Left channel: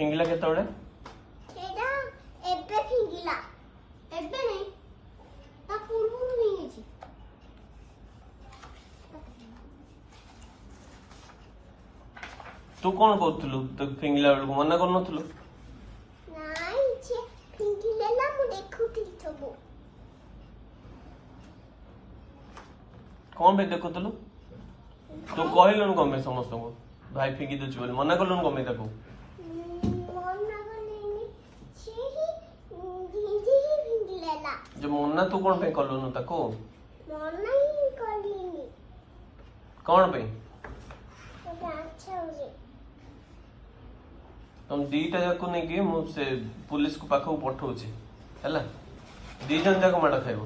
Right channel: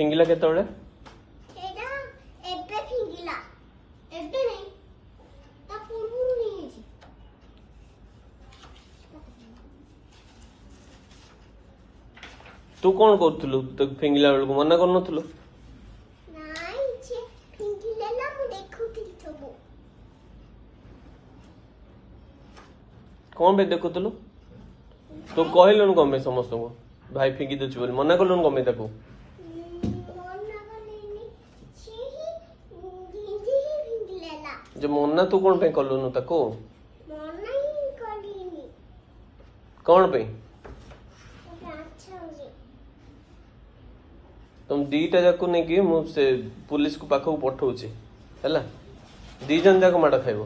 ଫିଙ୍ଗିଲା କେତେବେଳେ? ସେଇଟା ଏବେ ଫିଙ୍ଗିଲା, ଏବେ ନାହିଁ, ତା ପୂର୍ବରୁ ଫିଙ୍ଗିଛି। ତୁ କଣ କରୁଥିଲୁ ଫିଙ୍ଗିଲା ବେଳକୁ? ମନା କରୁନଥିଲୁ? ନାଇଁ, ସେ ଫିଙ୍ଗିଦେଲା, ମୁଁ ଦେଖୁଥିଲି ସବୁ। କଣ ପାଇଁ ଦେଖୁଥିଲୁ? ତୁ କହିଲୁନି କଣ ପାଇଁ ସମସ୍ତଙ୍କୁ ଭାଇ ଫିଙ୍ଗି ଦଉଛି ବୋଲି? ମନା କଲୁନି କଣ ପାଇଁ ତାକୁ? ମନା କଲିନି, ସିଏ ନିଜେ ହିଁ ଫିଙ୍ଗିଦେଲା। ଯେ ମନା ତୁ କଣ ପାଇଁ କଲୁନି ତାକୁ? ମନା ହିଁ କଲିନି। କଣ ପାଇଁ? ଏବେ ଆଚ୍ଛା ହଉଛି। ତମ ଦିଟା ଯାକୁ ନେଇକି ମୁଁ ସେ ପୁଲିସ ପାଖକୁ ପଠଉଛି ହେଲା। ଦି ଜଣ ଯାକ ମାଡ ଖାଇବ।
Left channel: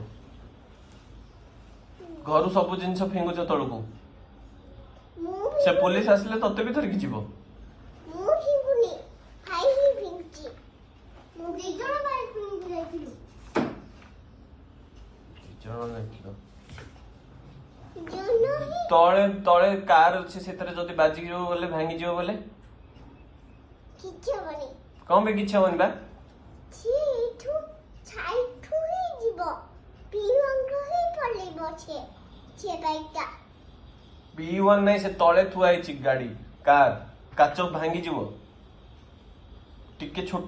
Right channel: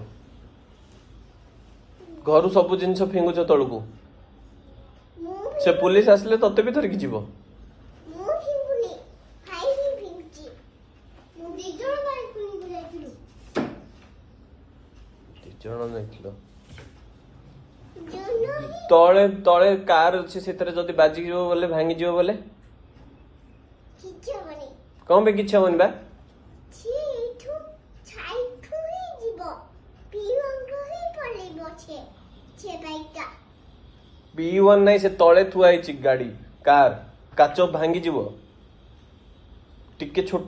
ଘରୁ ସବୁ ଜିନିଷ ଫିଙ୍ଗୁଛ ତଳକୁ, ସେ ପୁଲିସ ଆସିଲେ ତତେ ବି ଧରିକି ଯିବ। ମୁଁ ଫିଙ୍ଗୁନି, ଭାଇ ହିଁ ଫିଙ୍ଗୁଛି। ମୁଁ ଦି ଜଣ ଭାଇ ଫିଙ୍ଗି ଯାଇଥିଲୁ। ତଳେ ତଳେ କାର ଅଛି, ସେଥିରେ ଯଦି ବାଜିଯିବ ବୋଲେ ଭାଙ୍ଗିଯିବ ବୋଲେ କିଛି ହବନି। କଣ ପାଇଁ କିଛି ହବନି ବା? ସିଏ ଏଇଠୁ ସାଇଠୁ ହିଁ ଯିବ, ପିଅଙ୍ଗରୁ ହିଁ ପଳେଇବ ସେ ବାଇକଟା। P1 ନାହିଁ, ସେ ତଳେ ଥୁଆ ହେଇଛି ଗାଡି, କାର କାଚ ଭାଙ୍ଗିଯିବ। ଟିକେ ଛୋଟ